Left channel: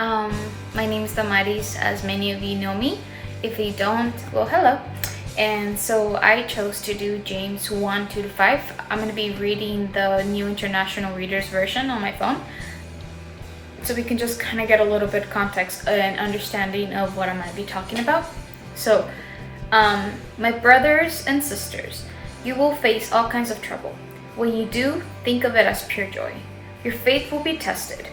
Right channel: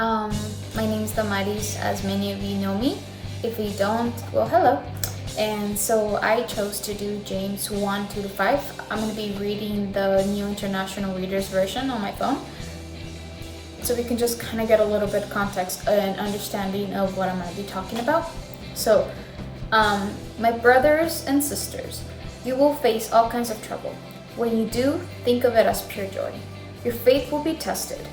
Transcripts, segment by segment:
Um, my name is Damaris, as many of you know me. If you don't, well, hello. And so I chose to do James 1, 2 to 5. I'm going to be reading the New International Reader's Version on my phone. So we can just kind of get a little bit of context and understanding of what I might be talking about. So, my brothers and sisters, you will face all kinds of trouble. When you do, think of it as pure joy. Your faith will be tested.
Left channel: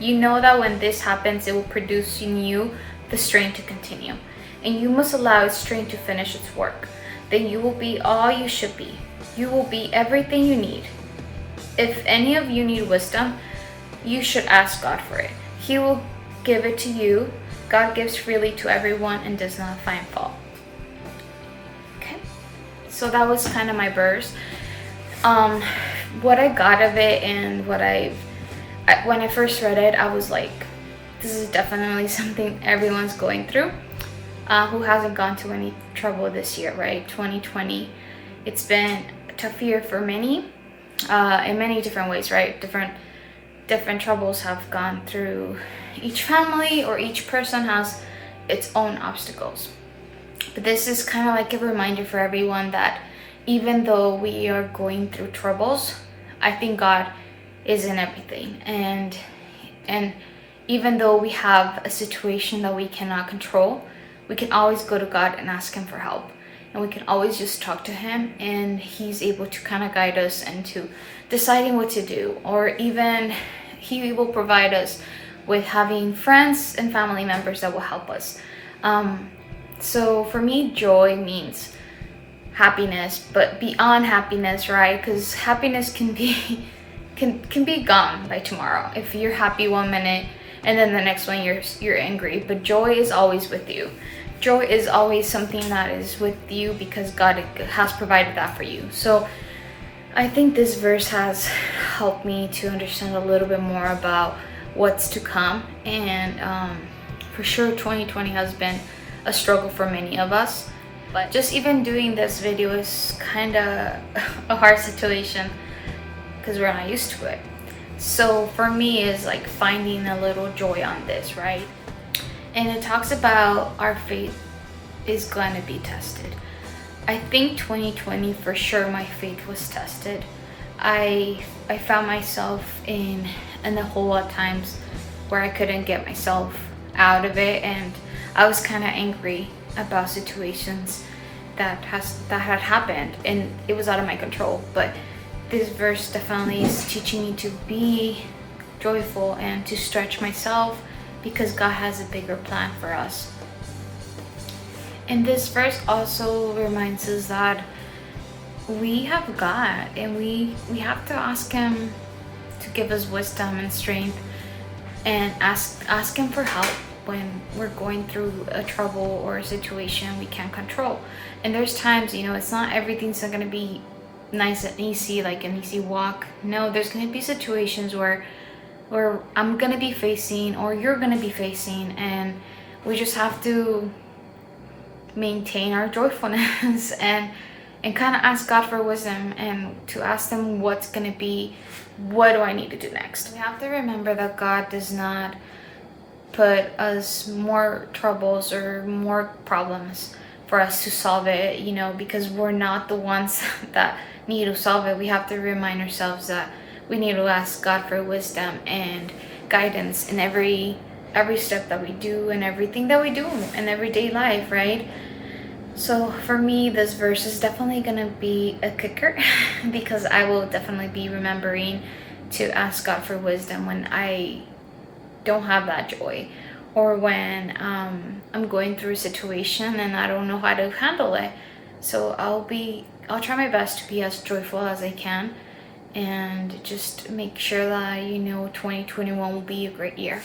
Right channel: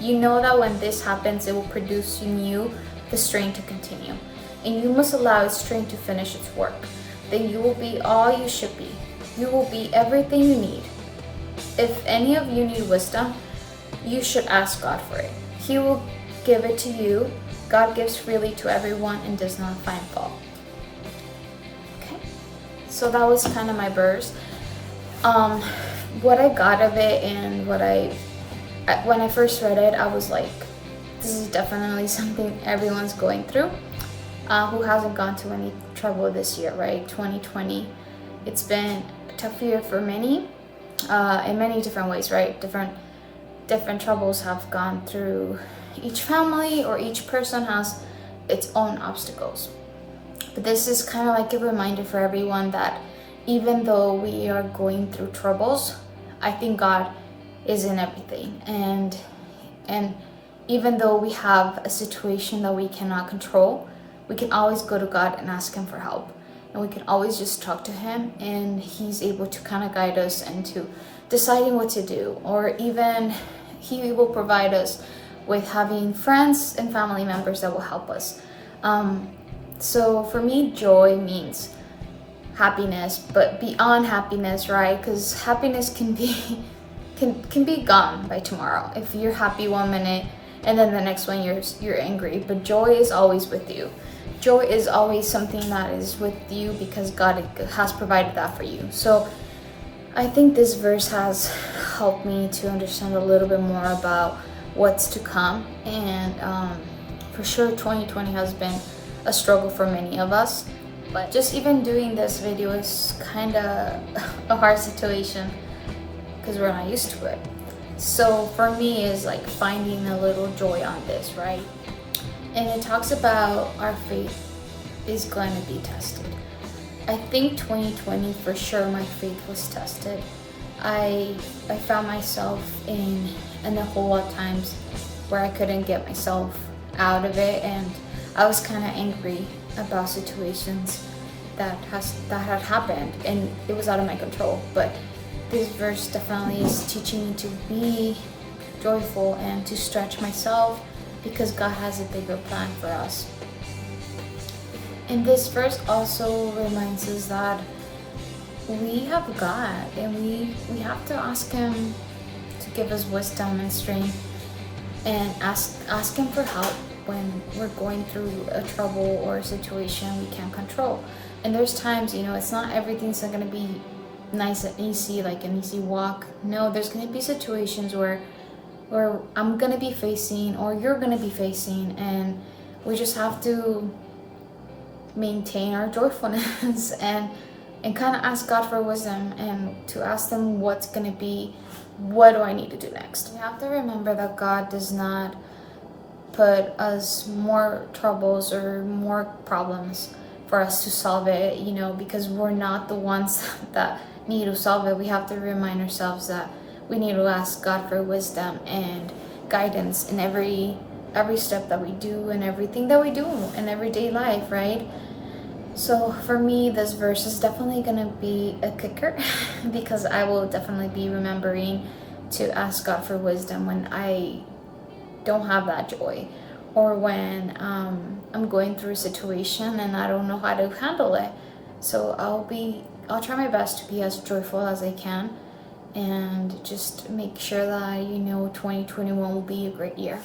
You know that when this happens, it will produce in you the strength to continue. And you must allow its strength to finish its work. Then you will be all you should be. You will be everything you need. If any of you need wisdom, you should ask God for it. He will give it to you. God gives freely to everyone and does not find fault. Okay, so that was kind of my verse. What I got of it and when I first read it, I was like, this is definitely something everyone's going through. Who hasn't gone to any trouble this year, right? 2020, it's been a tough year for many, in many different ways, right? Different troubles have gone through each family, or each person has its own obstacles. But this is kind of like a reminder for everyone that even though we are going through troubles, I think God is in everything. And even though we have a situation that we cannot control, we can always go to God and ask Him for help. And we can always just talk to Him, and He's able to kind of guide us into deciding what to do. Or even He will provide us with having friends and family members that will help us. So for me, joy means happiness, but beyond happiness, right? Because happiness can be gone by tomorrow. If you're happy one minute and then the next one you're angry, but joy is always with you. Joy is always something that is with you because God has provided that for you. So I think this verse has helped me to understand a little bit more about what's to come. And for sure 2020 has been a struggle for many of us, but just even doing this video is kind of a hard situation because we're not used to it. So for me, is like finding a little joy on this, right? And it talks about our faith is going to be tested. I think 2020 for sure my faith was tested. I found myself in a whole lot of times where I couldn't get myself out of it, and I was kind of angry about situations that had happened, and it was out of my control. But this verse definitely is teaching me to be joyful and to stretch myself, because God has a bigger plan for us. And this verse also reminds us that we have God, and we have to ask Him to give us wisdom and strength, and ask Him for help when we're going through a trouble or a situation we can't control. And there's times, it's not everything's not going to be nice and easy, like an easy walk. No, there's going to be situations where I'm going to be facing, or you're going to be facing, and we just have to maintain our joyfulness and kind of ask God for wisdom, and to ask Him what do I need to do next. We have to remember that God does not put us more troubles or more problems for us to solve it, because we're not the ones that need to solve it. We have to remind ourselves that we need to ask God for wisdom and guidance in every step that we do and everything that we do in everyday life, right? So for me, this verse is definitely gonna be a kicker because I will definitely be remembering to ask God for wisdom when I don't have that joy, or when I'm going through a situation and I don't know how to handle it. So I'll try my best to be as joyful as I can, and just make sure that 2021 will be a great year.